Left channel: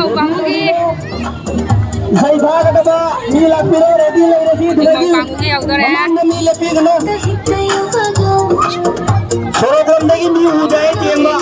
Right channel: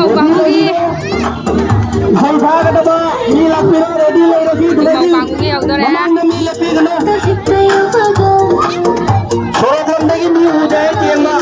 mau bangungi. Hai bhai baba, mi lapiro ready ready. Mau bangungi auto ya. Mi lapiro na. थोड़ा देर लगी मी हो जाए केला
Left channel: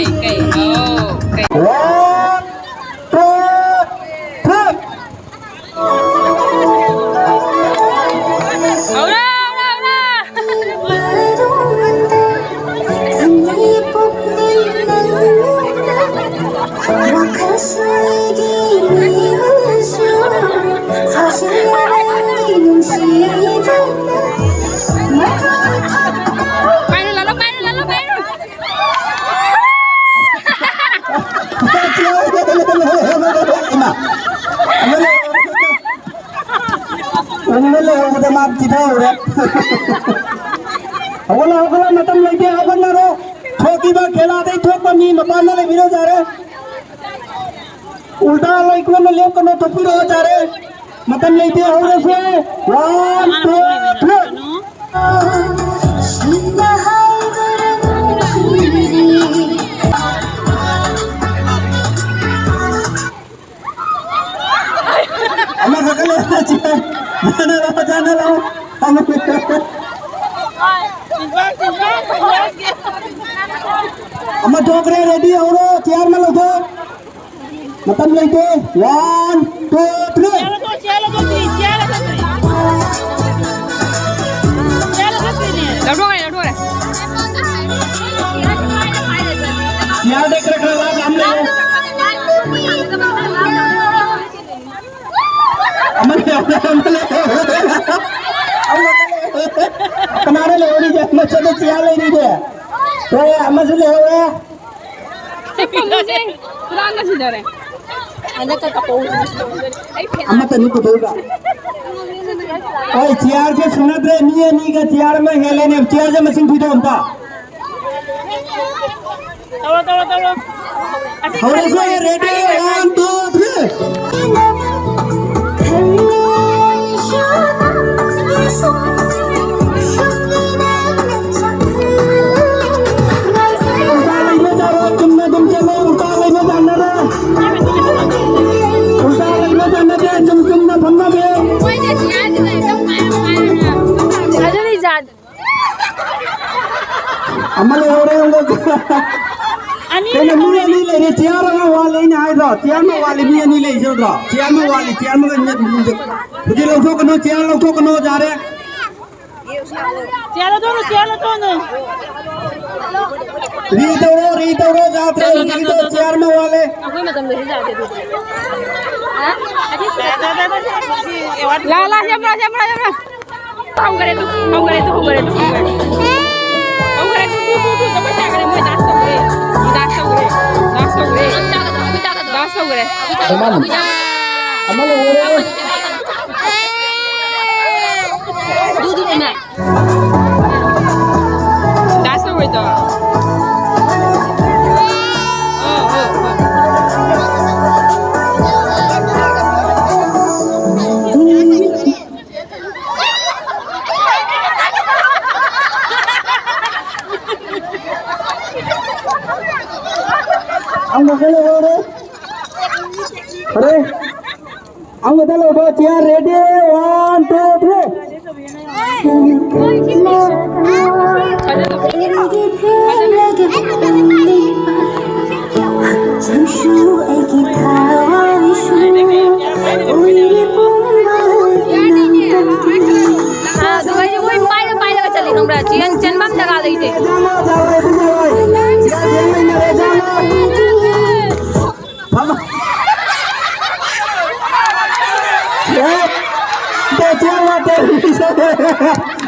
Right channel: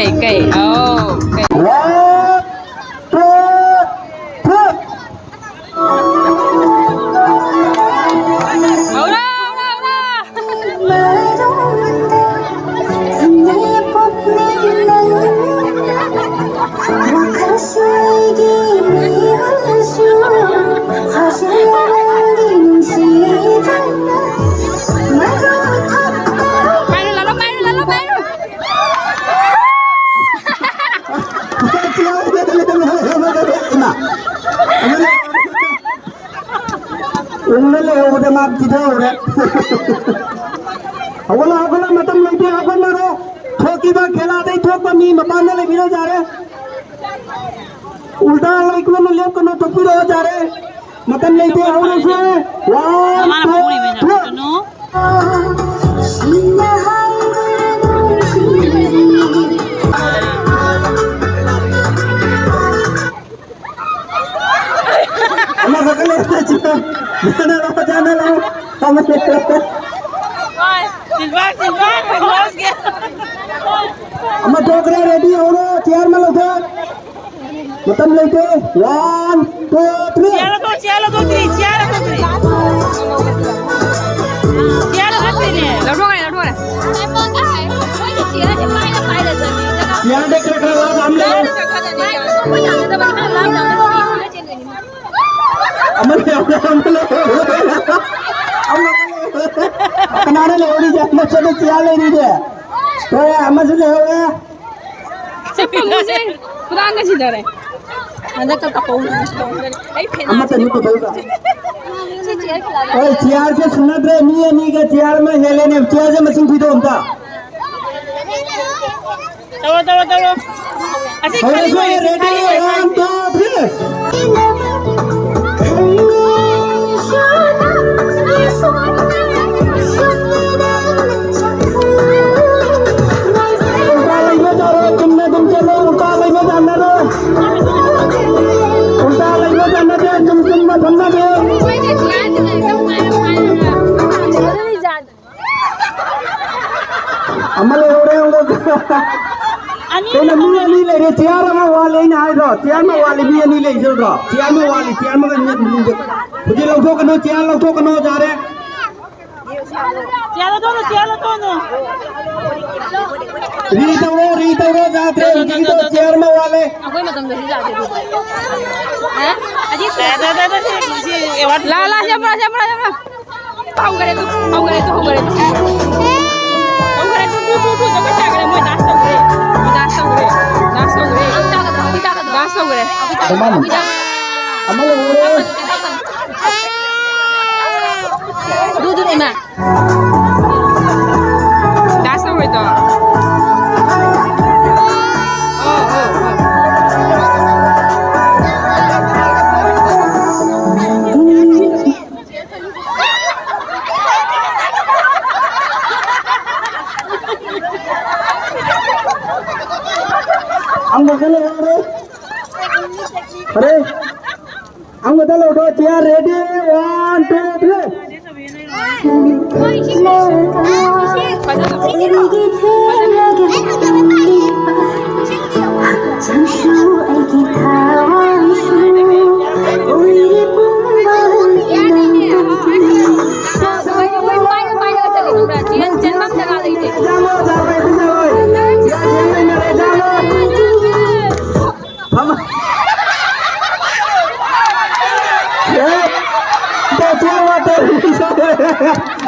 Cây oh cây होगला मतम लेते होगल ना रो ठोकी बा खेला दे ठोक पर नी मपान ले बिरो जा रे उल्टा लाइक में लेप कनो तो फिर हो जा रे मतम लेते होगल से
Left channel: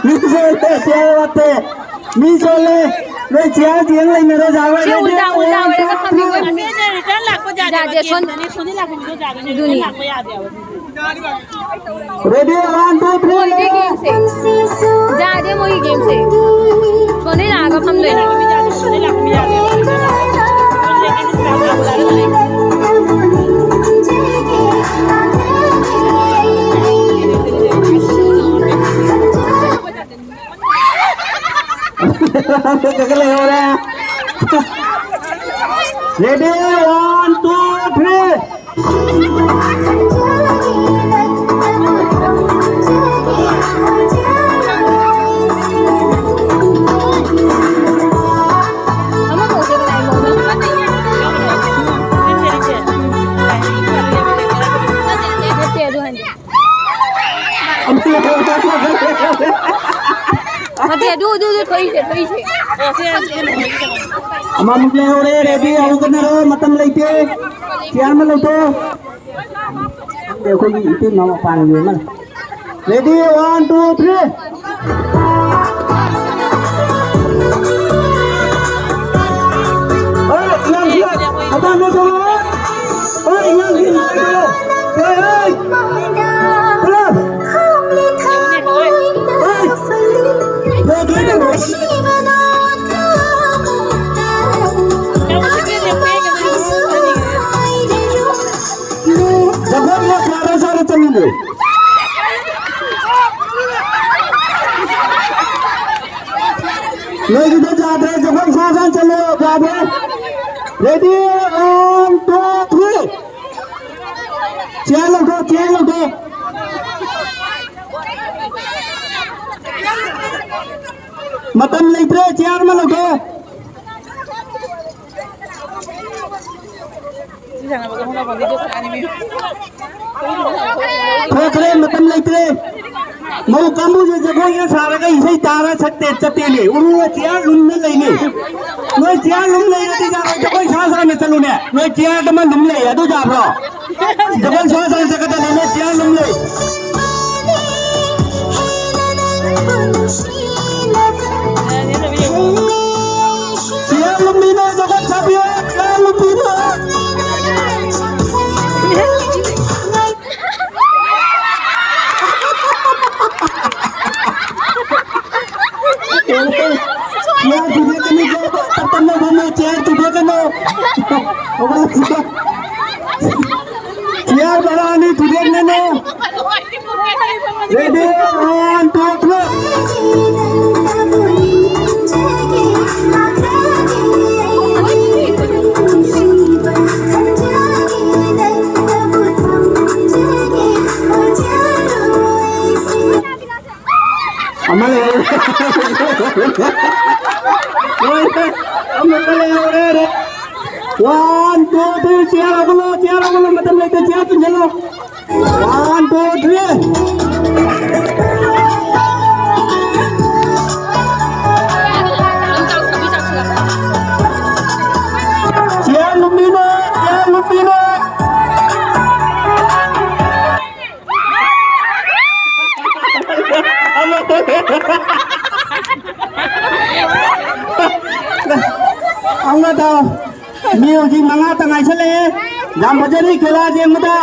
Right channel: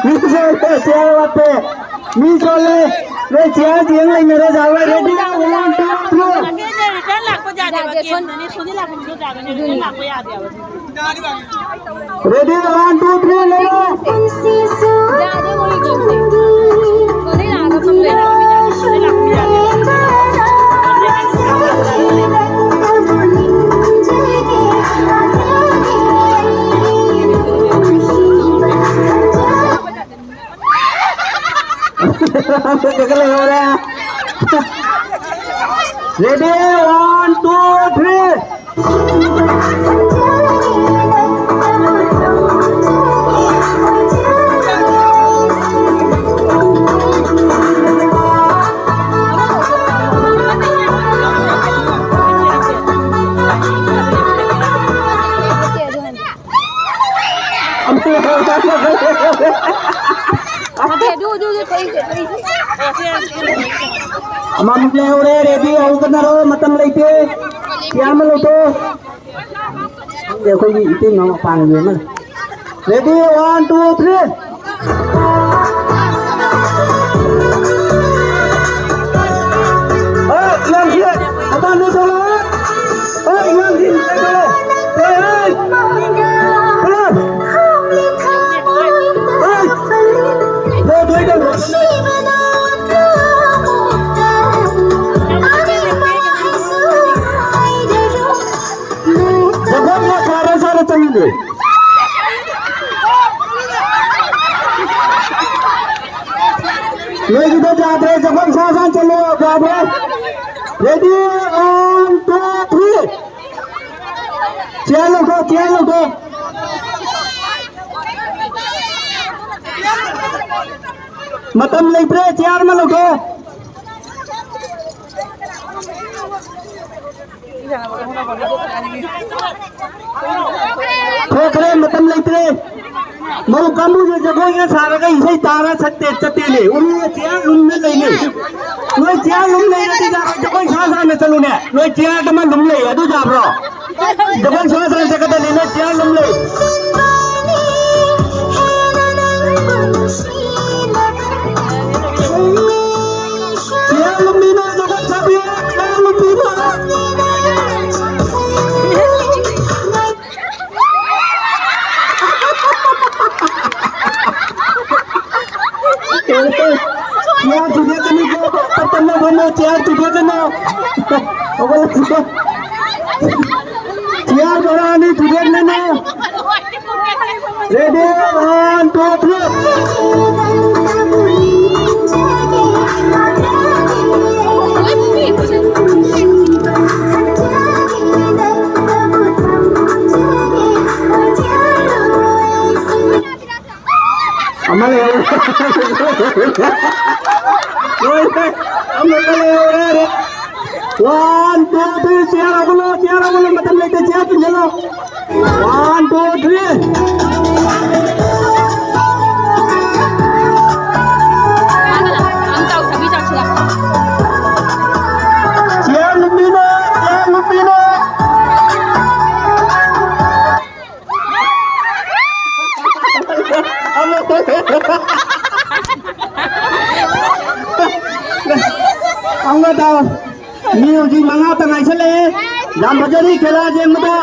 20 चेयर वाते मी सोले वे चेयर दिए ना मेरे जावा रेडी 1 2 3 रेडी 1 2 3 जादे मोही गेम से तो नहीं आगा हम ले ready 1 2 3 Amam play ore ready au करना रो मतम लेते क्या में लेते देखो ये इतने नाम पान ये ना ready 1 2 3 oh yang dia apa lu tu oh yang dia kalau लोग इधर जा रहे हैं जब साथ चले जा रहे रेडी 1 2 3 चलो मतम लेते चेयर में लोगो ठोकरे मतम लेते मऊ कामू जो जगह ये सारे का इसे तारा सकते चते ले उन्होंने चेयर रूम में ले ले वो चेयर रूम ले लेते जा जगह सासा में चलो ने वो चेयर तो मैं रूम ले या तो जा रहा जगह सासा से कहता लेना चेयर रूम ले चेयर रूम में ना जगह छापी है चेयर रूम में चेयर तुझे करनी है तब मैं बोलूं चेयर तुझे करना चेयर बनानी तुझे करना रेडी 1 2 अमल हम लोग ले रे 1 2 3 चेयर अगलो मतलब लेते चेयर की चलो 1 2 3 चेयर लंबी ना अंगता म्यूजिक मंगा तंगाई चले जाम बजरी खेला जे मता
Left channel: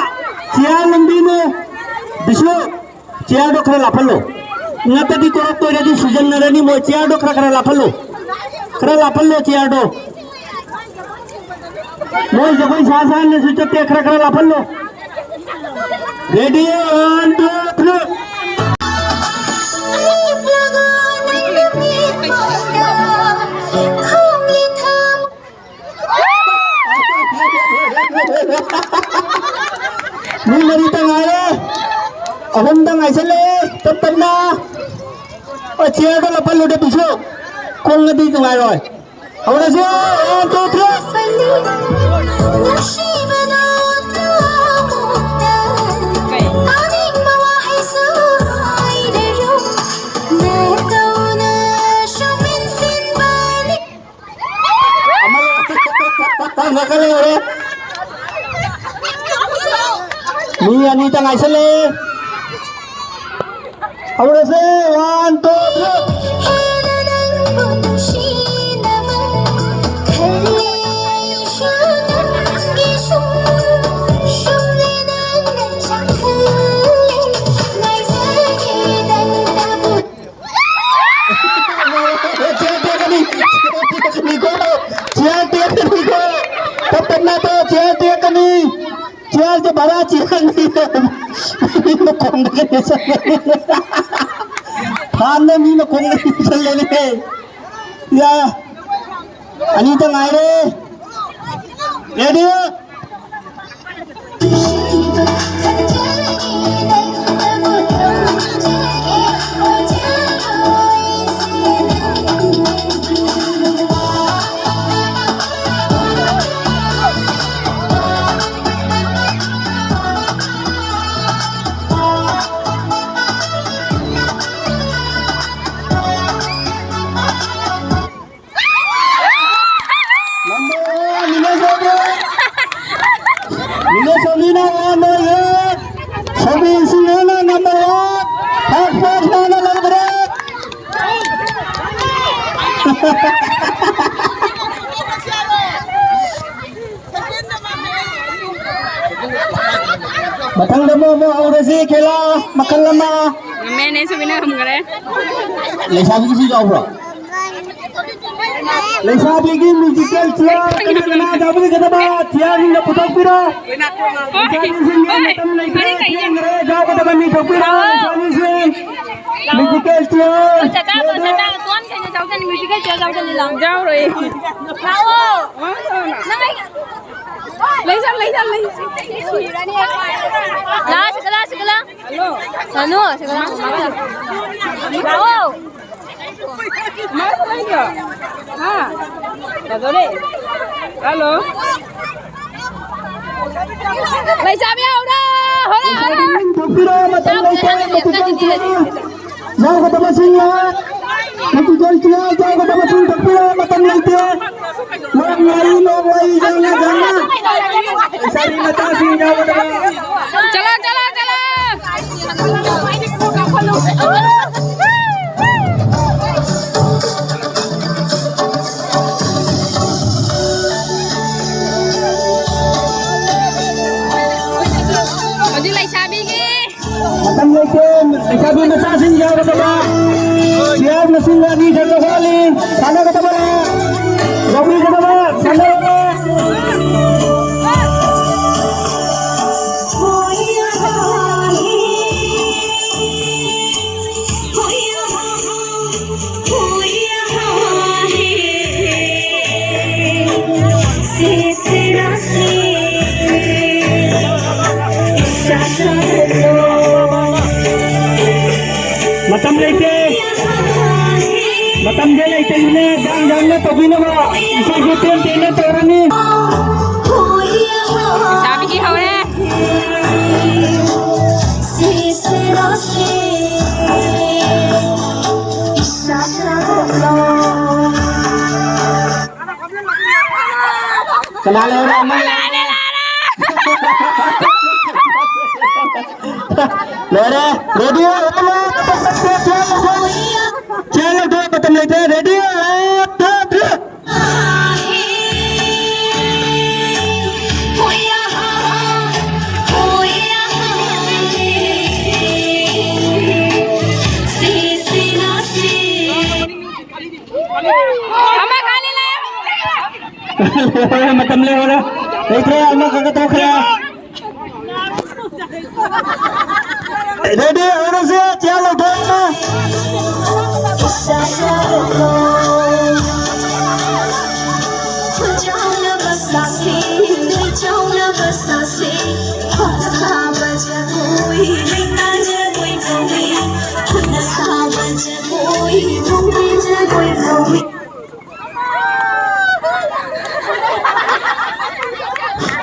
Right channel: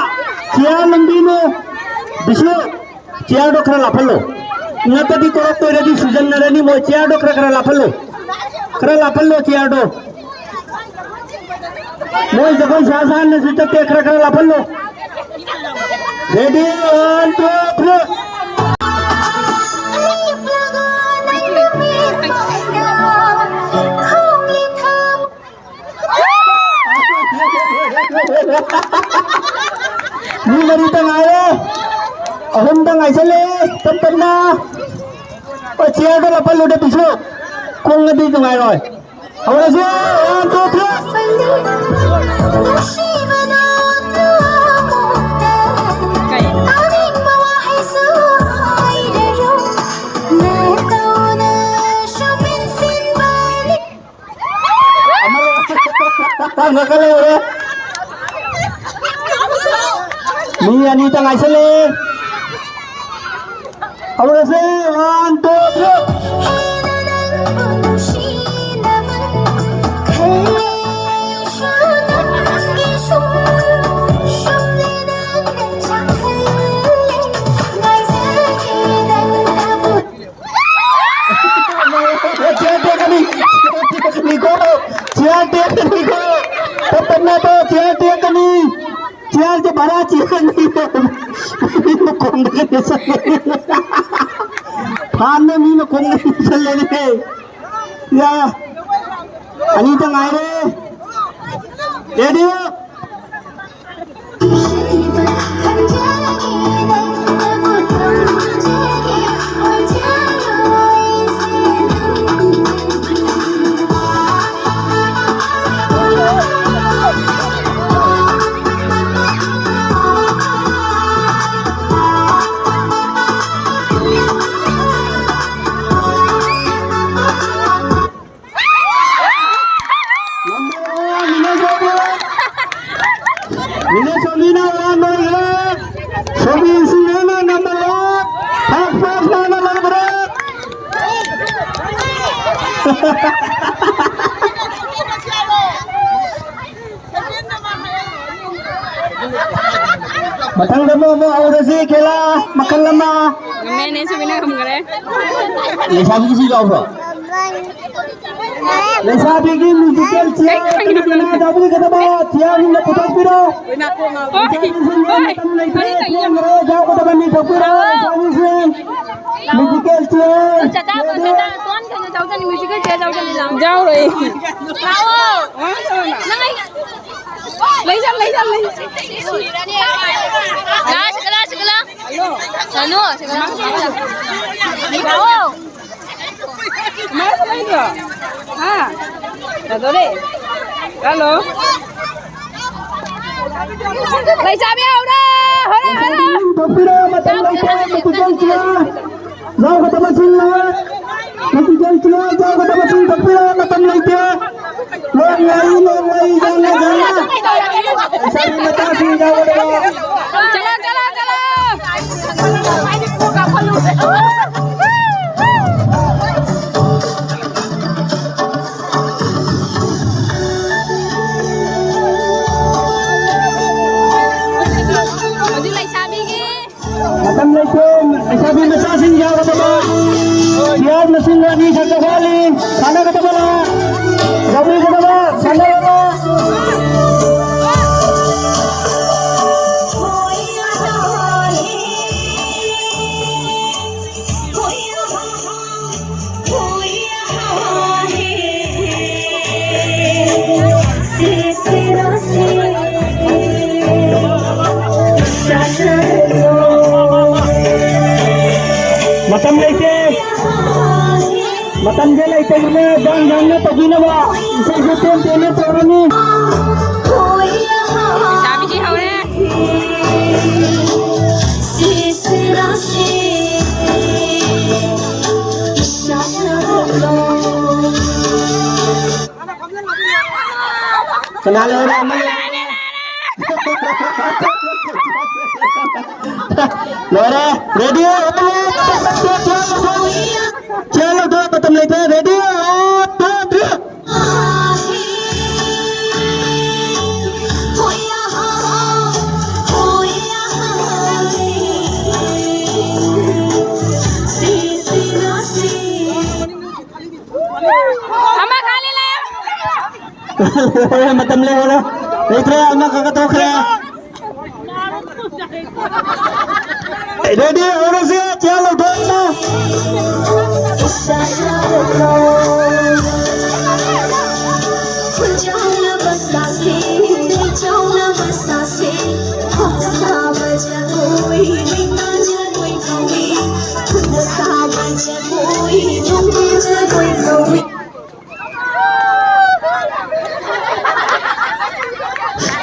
चेयर लंबी में बिशो चेयर डोखरा लाफलो नतदी तो रेडी सुजन नरनी में चेयर डोखरा करा लाफलो चेयर डो मोय जगह सासान ने सुचते करा लाफलो ready 1 2 3 ni ngari tengah ye ahum tengah sale tenna chia ka lapal lo de piso kong ngadi tengah roi awra se 1 2 3 nakale ore ni ani tengah sale awra se 1 2 3 chair टेकनी chair जो भरा chair नहीं फान ने मी में Kong चल लेने या अनी तो मारे radio Batang demo mo aurasi kela makan lama. मैंने से बिना हम करे Lesa bigi si jauh bro. Lesa bigi musical cia. Kena jauh bigi kata bah cia ni nak putar piro. Jauh kata bah ni piro. Lesa ni si musical cia. चाचा तुम कहीं जाओ तो म्यूजिक है जाओ तो नहीं जाओ रे लाओ ले जा ला सकला हेलो मार ले जा हां दादो रे हेलो ले जा बे औरा होरे piro macam lesa musical cia. Jauh kata bah sini ya. Musical cia jauh kata bah sini piro macam lesa. Woi jangan. चला अजी लाइसा बिगे Macam lekin, sabi masasin jauh kata bah. Siap nasin lagi satu kali. Sana kata bah. Gobi kata bah. Sana kata. Macam dia lah itu guna jangan pergi nawa. Itu ten ten orang ni. सामी की हो रे Kenal orang ni. Lora, ready? चलो दो खत्म लेते हैं ready दो दो हमें खाली लाया खत्म ले वाला इधर अम्मा का तो खड़ा रेडी और से चलो दो ना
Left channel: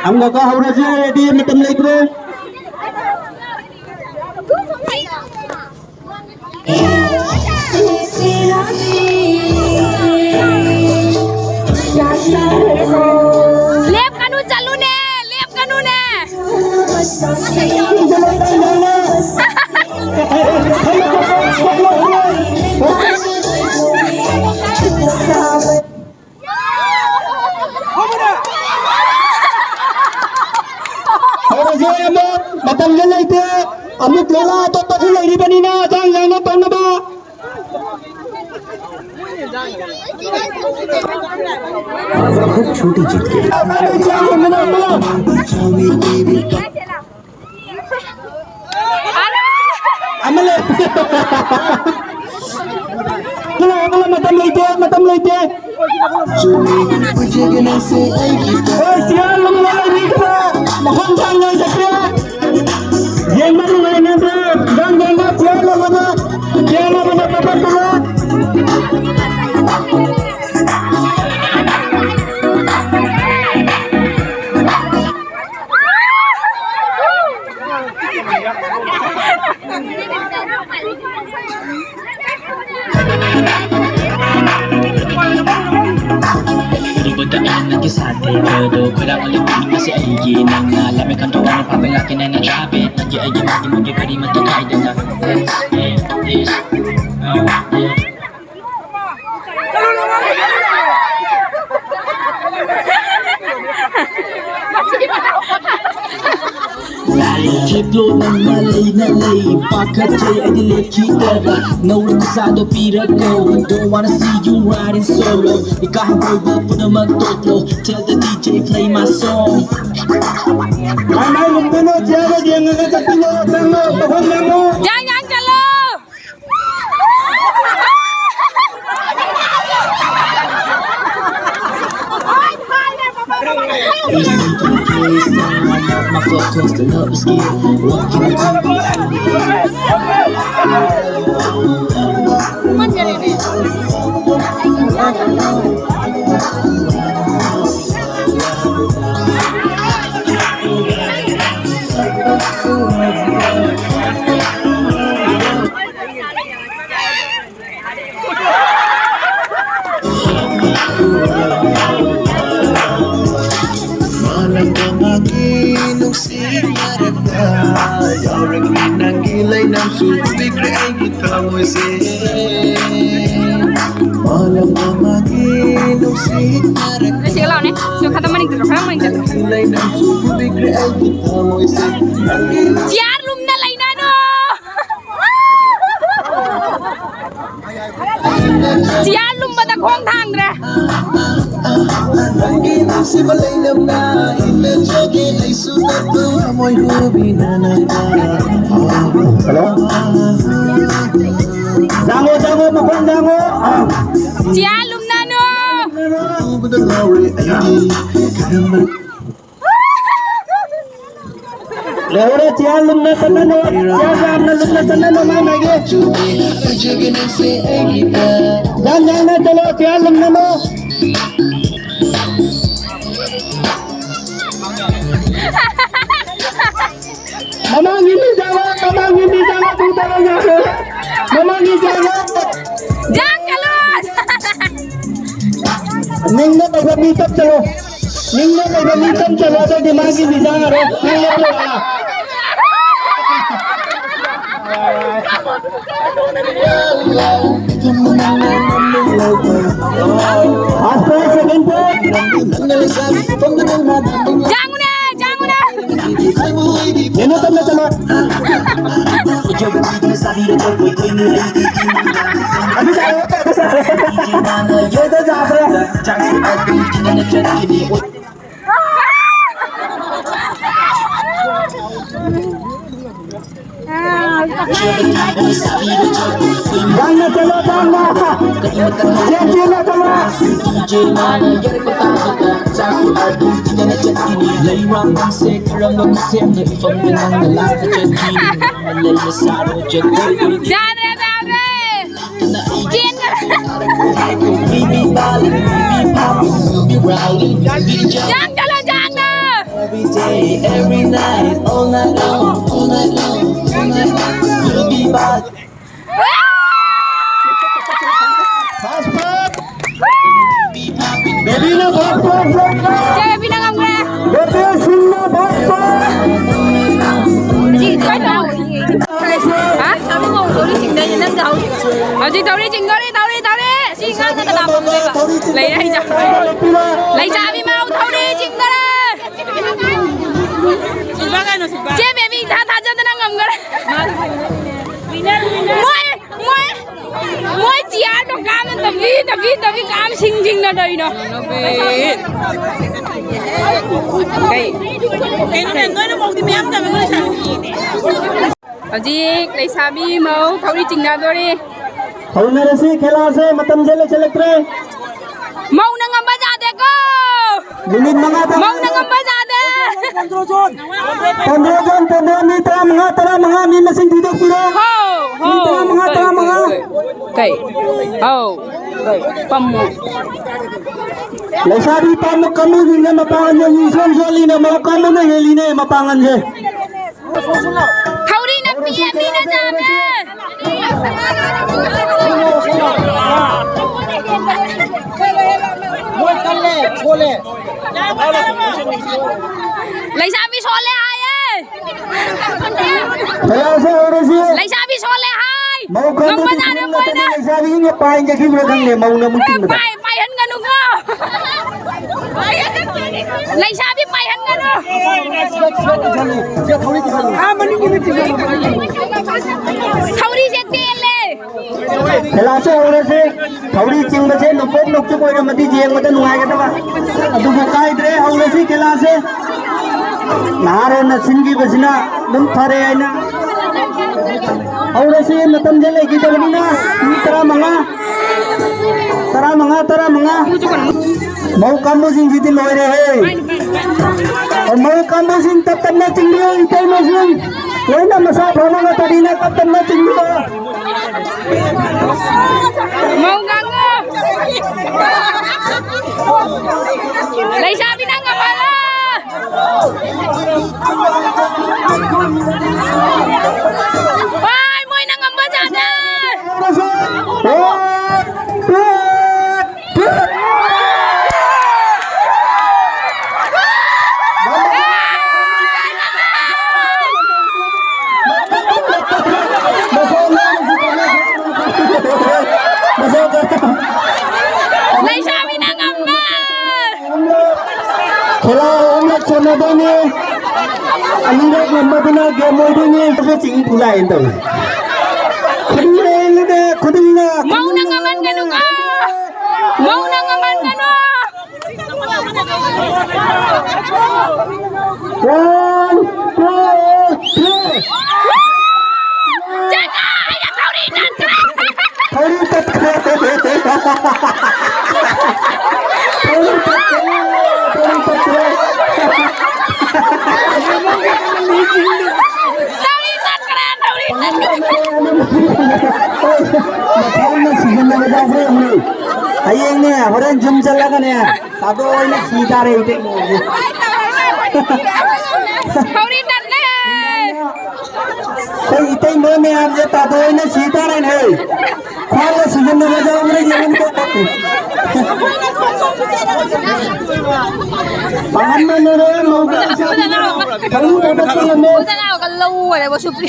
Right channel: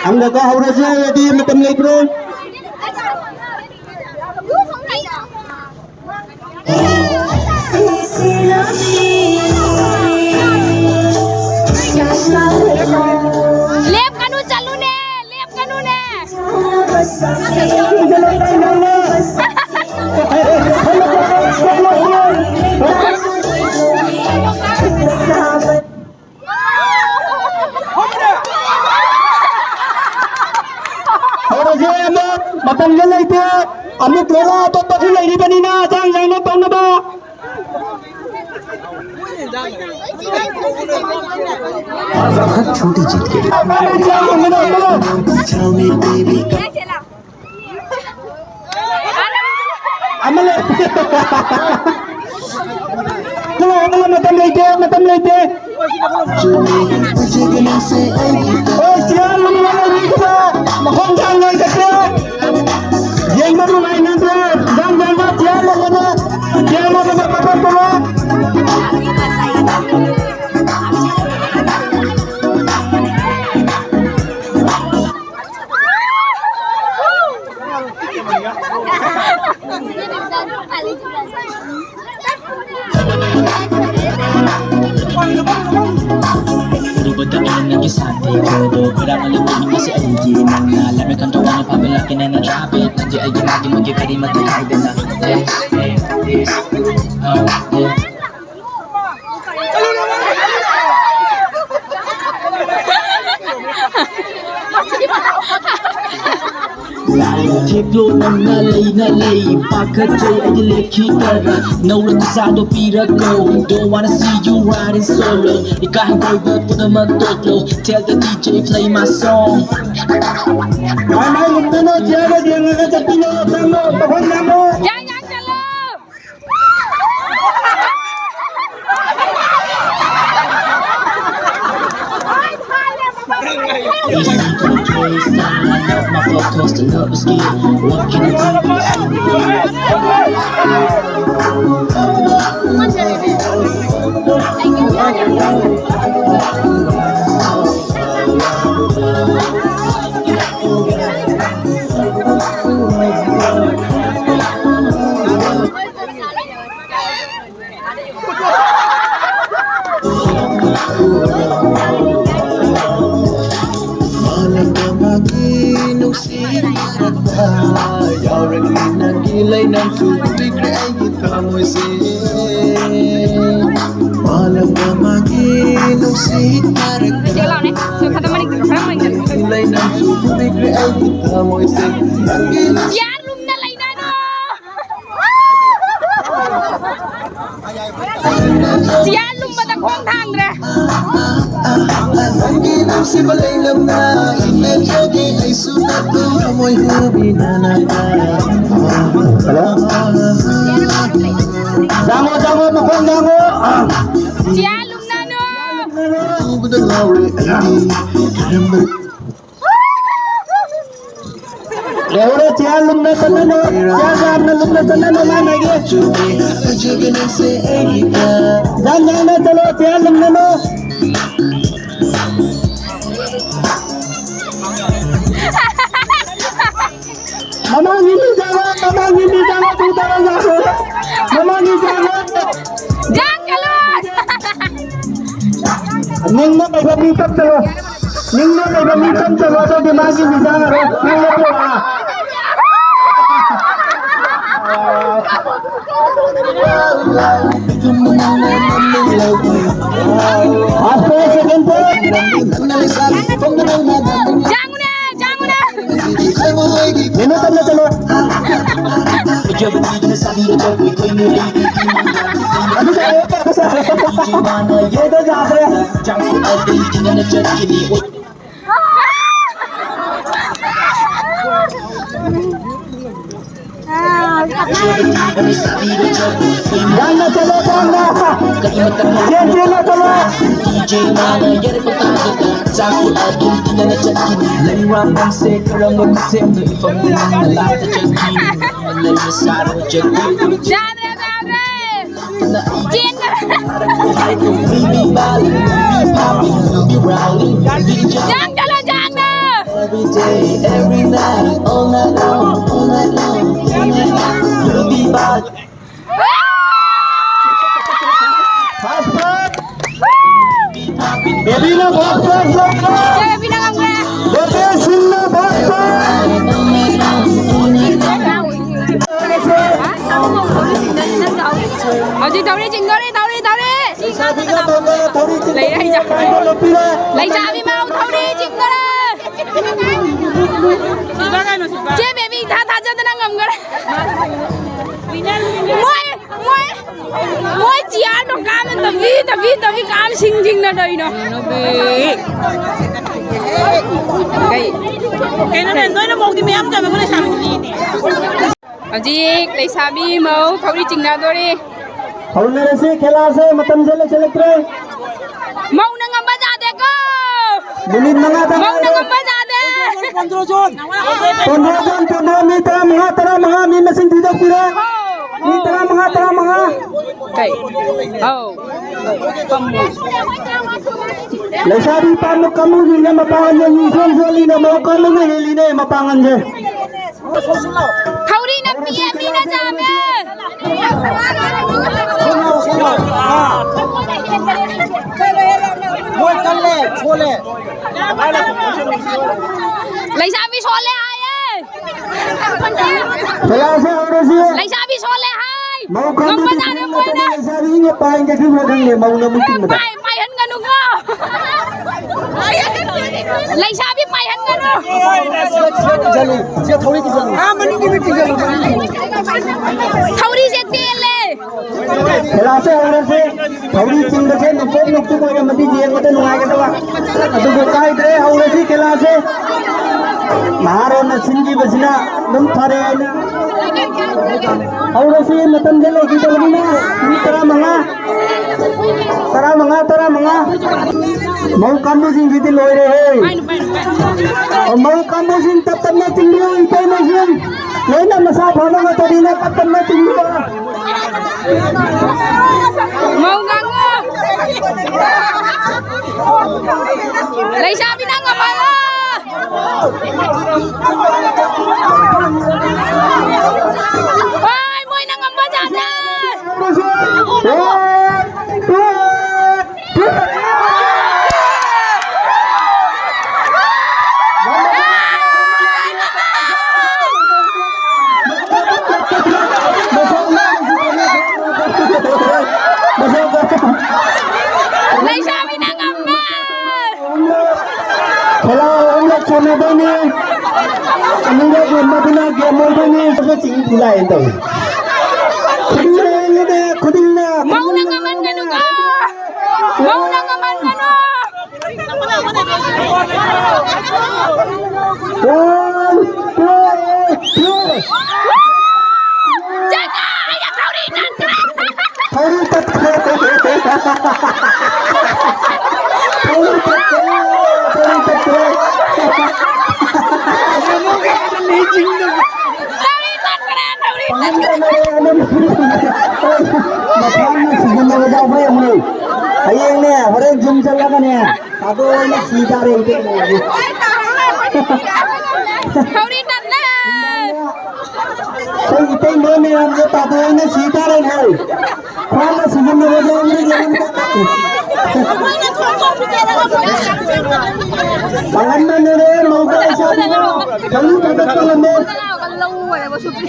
हम गका हवरा से रेडी मतलब ले करो लेप कानू चालू ने Matang nila ito, amit nila, ito pa sila, hindi pa nina, jangan na tong na ba? हर छोटी जीत के लिए आमले चलो अगला मतम लेते ओ सियाल वाला रीता महम जान नहीं सकते ये मत नहीं ना जान सियाल वाला पता करो Daan ng gisate pero kurang ulit din kasi ay ginang na lamig ang tawa ng papalaki na narabit nagi ay gimagi magigari matakaida na yes Kiplo ng nalay Pagkatay ay dilikitara Naulat ko sa do pirago Don't wanna see you riding solo Ikahin ko'y ba po na magtotlo Tell the DJ play my song Ay lumino siya dia ngagatiyo tango pahon mo Jangan kalau. Easy to the case, now I love my focus to love is skill What can I Nangilay ng subi kaya kita mo malam maginong sihit Ini jalan ya. Suka teman itu sama itu. nangilay ng subi kaya kita mo Siar lum na lain ano. Siar lum pada kong thang ra. Nangilong si balay lam na imedjagin ay sunat to amoy hubi na Dango mahon dango Siar lum na no. Leore siya lumna tanano siya gamna lumna tanano manage Jan na chalo siya lumna no Mamang hindi jawa tu talaga Mamang hindi jawa Jangan kalau. Ning na kay gamitan chalo so dimagi ni jawa ro ning na to Asto second point Jangan na. Minuto na chalo Jab hindi na sabi na jab ko'y nilay Ano tayo sa DJ mana Ye to ja re Jang si adi kina na chat kini Jab hindi na sabi na jab ko'y Jang na chalo jang na Ye na chalo DJ mana yari ko takita Jang si adi kina na chat kini Lay ram ng se karang mag-sim na ifang nang nalat na chat kini Nalay na saro chat ko'y Jangan. na Baby Bali, baby Poppy, baby Rowdy, baby Jump Jangan kalau jangan. every day, every night, all night long, all night long, all night long. Baby Bali, Fast part baby Poppy, Baby na fast part Jangan bilang apa. Baby sin na fast part Chị tao đi chỉnh tao đi lấy đây ra lấy ra đi mau tao đi chỉnh tao đi chế mẹ mình tha cho tao đang ngầm cái muối Mỗi chị ăn nó cam nên tập vi cam xinh là đây nó. Cái nó lên tôi nó một thì mém cho nó mới sang. Ở gì lấy xa bi màu thấu đi chỉnh nào tôi đi. Thấu này là खेला से मतलब चले चले tray Mau na ngâm baja deh ko. Bunin mga ta Mau na ngâm baja deh. Pondro ni tara mga ni mesin tidak pira ni tara mga Kai. Oh. Pamu. Lesabi pa mo kamu na mapangan yung ison soli na mo kamu na heli na mapangan je Thấu đi na pia mi na jame. Moi kan le chole Lấy ra vi số lệ hai ấy. खेला से और से Lấy ra vi số lệ hai. mau Ngâm baja deh moi na. lesabi ni pain je ki mo kan le mau na mungkin Pai hân ngân đúng không? Lấy ra vi pai hân ngân không? jale je thori ki jale ha mani ki beti jale Thấu đi giết tiền lệ. खेला से और से थोड़ी चिंग से न पोक लोग चुको का मती जे मत नुआ के तवा अदु को काय दे और से खेला से नारे न सिंगी बसना दम थारे आइना और से मतम जे लेकी तो बनी ना तरा मंगा मऊ कामो सिंह जीती लोय रे है और मऊ कामो सिंह तब तब में चिंगो इतो में सिंह ये ना मसा भोनो का तड़ी ना तब तब में चिंगो Mau nggak ngâm? Lấy ra vi đang ngâm mà lo. Ôi, môi đang ngâm baja deh. Lấy ra vi đang ngâm mà. खेला हम लोग चलने देंगे हम लोग गेम देंगे तो चिंग बुलाए तो खुद ही ना Mau na ngaman ka nung Mau na ngaman ka no. 1 2 3 Jaga, ya tahu di nan kena. थोड़ी तक Tahu di nan kena, tahu di nan kena. मकान में सीजन लगा जाओ भाई हम लोग ये ने बड़े जिम चल लगा ने तातो ने सीधा रे इते Tahu di nan le. तो इते ने हम जे तातो ने सीधा रे नहीं कौन सीजन लगा जाओ हमरे जीवन को पालन में रे मौका से हम तो तो लो Tao kan lâu rồi này, bố chụp đi.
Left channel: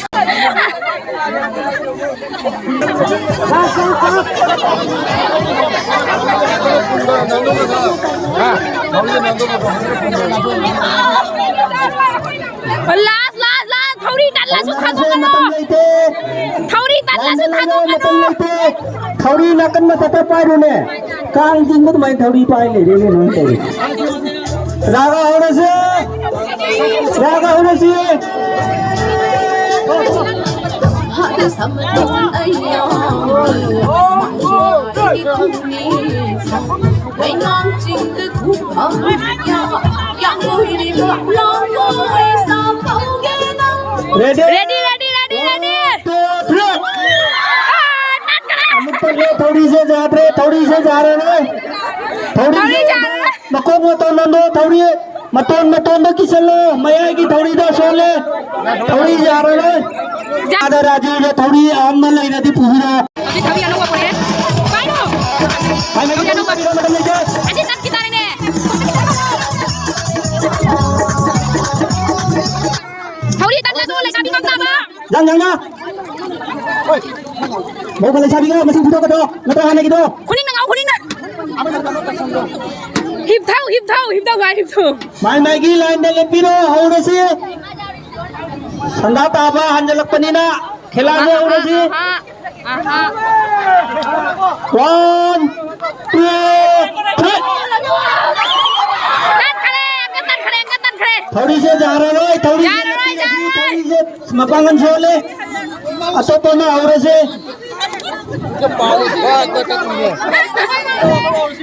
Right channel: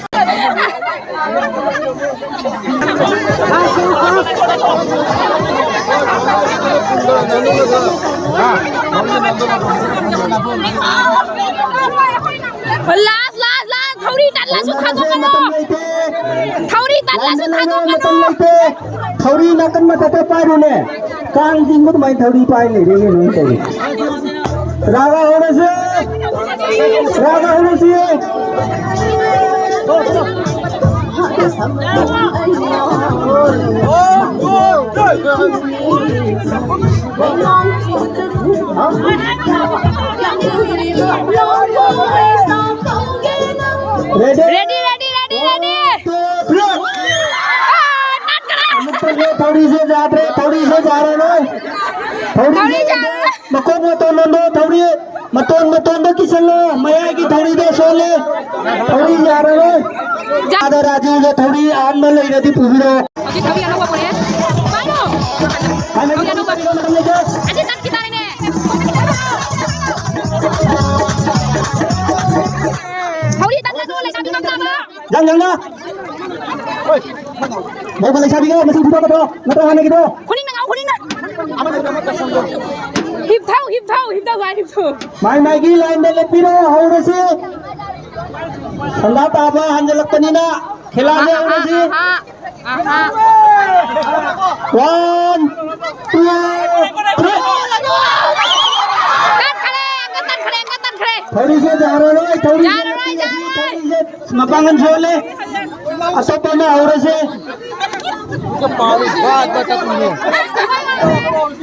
Last, thấu đi đặt là xuất thang con nó. Thấu đi đặt là xuất thang con nó. थोड़ी नकन में तते पाए रोने कांग जिंग में तो मैं थोड़ी पाए ले रे नहीं तो रागा होने से रेडी Ready. थोड़ी से जा रहे Thấu đi जा रहे. मतों किसलो मया की थोड़ी दे सोले थोड़ी जा रहे ज्यादा राजे जो थोड़ी आम में ले रही पूरी Aji thấu đi ăn đâu qua đấy. Phải đâu. Thấu đi ăn đâu qua. Aji tắt kita ini. Thấu đi tắt là tôi lại sabi không ta ba. jangan mau balik sabi ka masih buta ka to natahan gitu Kuning na. Hip thấu ba hip thấu. mai gi line de lepiro haure se sanda taba hanjalak panina khilane haure se Aha. 1 2 3 थोड़ी से जा रहा है थोड़ी से मपांगन से ले अतोपा में और से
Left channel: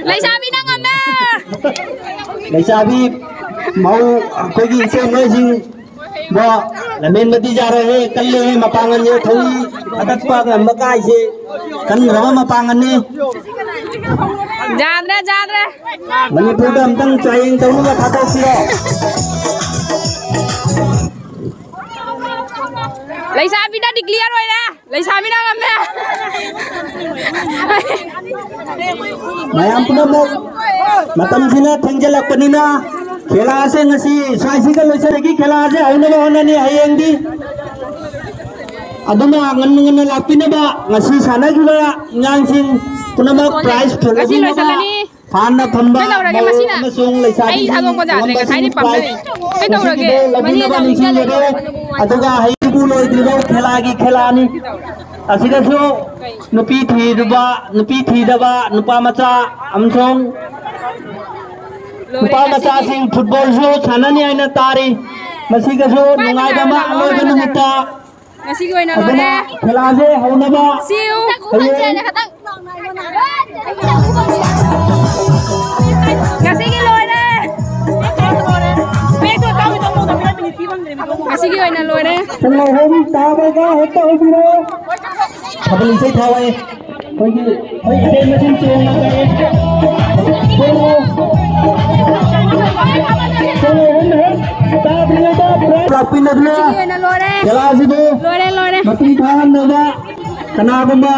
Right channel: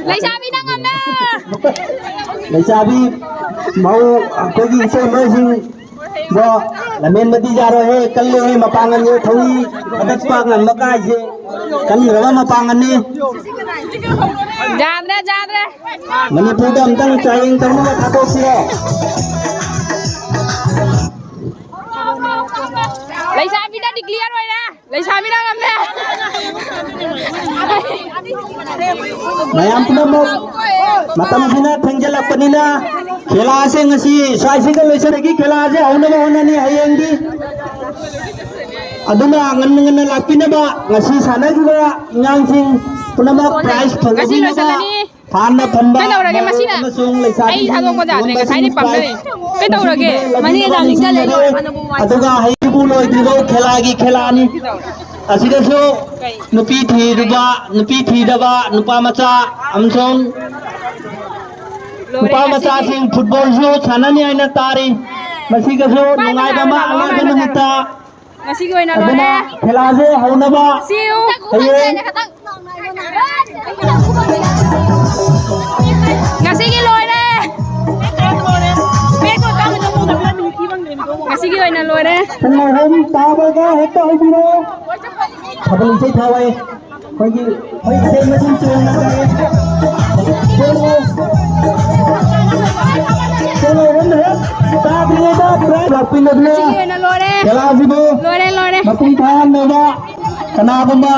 Laisabi na nga na! Laisabi mau कोई की इसे में सिंह वो लमेन मती जा रहे हैं कल ले मपांगन ये थोड़ी अटक पाग नमकाय से कल रवा मपांगन ने Jaan re! मणिपुर का हम तंग चाहिए तंग में खाते फिरो Laisabi na declare mo na! Laisabi na nga na! Mayam puna mo matam sina thengjala panina खेला से ngasi स्वाइसी का लोइसे की खेला से होने नहीं हायंगी अदमा ngन लापिना बा ngasi sana juga nyangsing punama prize Ngasi lo sa ni. Panda thamba Cái đầu là cái machine à? Ai thằng con giả này cái thái đi bấm này. Cái đầu là cái machine là mình chơi lên. अदुगा हाइबु लोय दिबो खेलागी खेलानी असिगसो नुपी थीदबा नुपा मचा अमसों नुपा मचा Singh football सो छाननी आइना तारी मसिगसो नुगाइदमा Anumita Ngasi ko na lo na. खेलाजे हौनबा Siu. Ngasi ki lo na. Ngasi ki na lo na. संग हम ताबगा हेतो बिरो खबली से थावे कोई से मशीन चोन ना करे चलो हम है ताबले का प्रेस अपनी नदिया Ngasi ki na lo na. खेला सिबो Lo na. मती खान नोदा कनाबंबा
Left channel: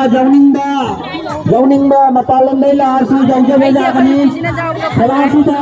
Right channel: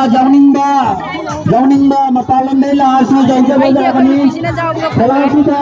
जवनिंदा मतालम दे लासु जौजे बजा कनी Sina jawab ko. खेला सुदा